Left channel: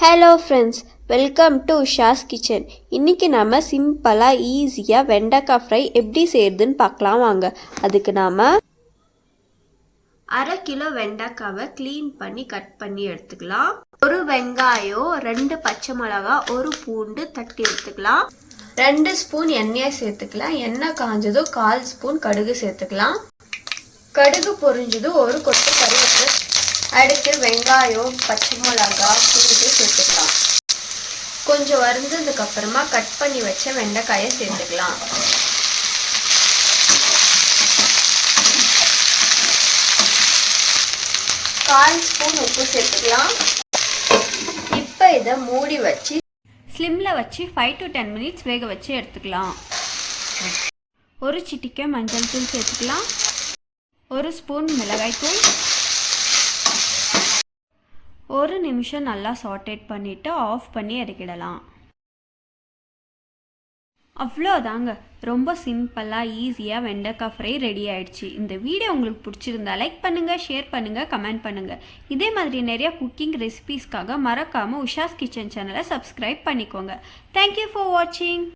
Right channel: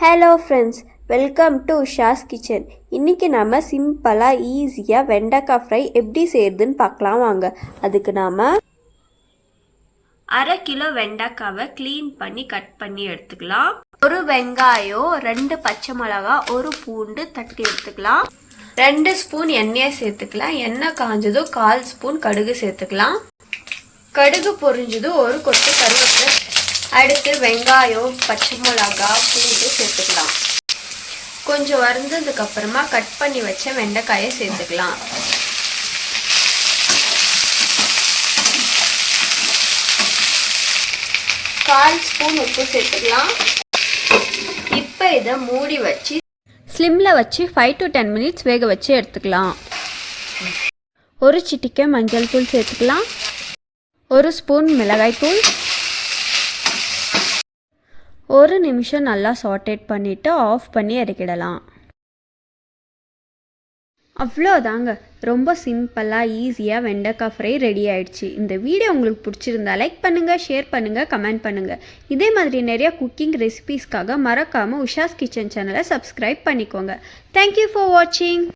Hello friends, welcome to Usha's kitchen. இன்றைக்கி நம்ம சிம்பிளாக ஈஸியாக வெண்டைக்காய் ஃப்ரை எப்படி செய்யுதுன்னு பார்க்கலாம் வாங்க. அதுக்கு நாம் 1/2 கிலோ வெண்டைக்காவை க்ளீன் பண்ணி கட் பண்ணி எடுத்துக்கலாம். 1 வெங்காயம், 2 பச்சை மிளகா, 1 பூண்டு தட்டி எடுத்துக்கலாம். 2 ஸ்பூன் எண்ணெயை சேர்த்துக்கலாம். எண்ணெய் காஞ்சதும் 1/4 ஸ்பூன் கடுகு சேர்த்துக்கலாம். கடுகு பொரிஞ்சதும் 1 கொத்து கருவேப்பிலை, அடுத்து வெங்காயம், பச்சை மிளகா, பூண்டு சேர்த்துக்கலாம். கொஞ்சம் வறுந்ததுக்கப்புறமா கட் பண்ணி வச்ச வெண்டைக்காயை சேர்த்துக்கலாம். கால் ஸ்பூன் உப்பு சேர்த்துக்கலாம். இப்போ இதை மூடி வச்சு ஸ்லிம்மில் வச்சு 5 to 10 மினிட்ஸ் வேக வச்சு எடுத்துக்கலாம். 1 சிட்டிகை மஞ்சள் தூள் சேர்த்துக்கலாம். 1 ஸ்பூன் மிளகாய் தூள். 1 நிமிஷம் நல்லா சாட்டேட் பண்ணிவிட்டு ஆஃப் பண்ணி இறக்கிடலாம். அவ்வளோதாங்க, ரொம்ப சிம்பிளாக ஈஸியாக வெண்டைக்காய் ஃப்ரை ரெடி ஆகிடுச்சு. இந்த வீடியோ உங்களுக்கு பிடிச்சிருந்தா லைக் பண்ணுங்கள், ஷேர் பண்ணுங்கள், கமெண்ட் பண்ணுங்கள். இதே மாதிரி நிறையா குக்கிங் ரெசிபீஸ்க்காக மறக்காமல் உஷாஸ் கிச்சன் சேனலை சப்ஸ்கிரைப் பண்ணிக்கோங்க. தேங்க்யூ ஃபார் வாட்சிங்.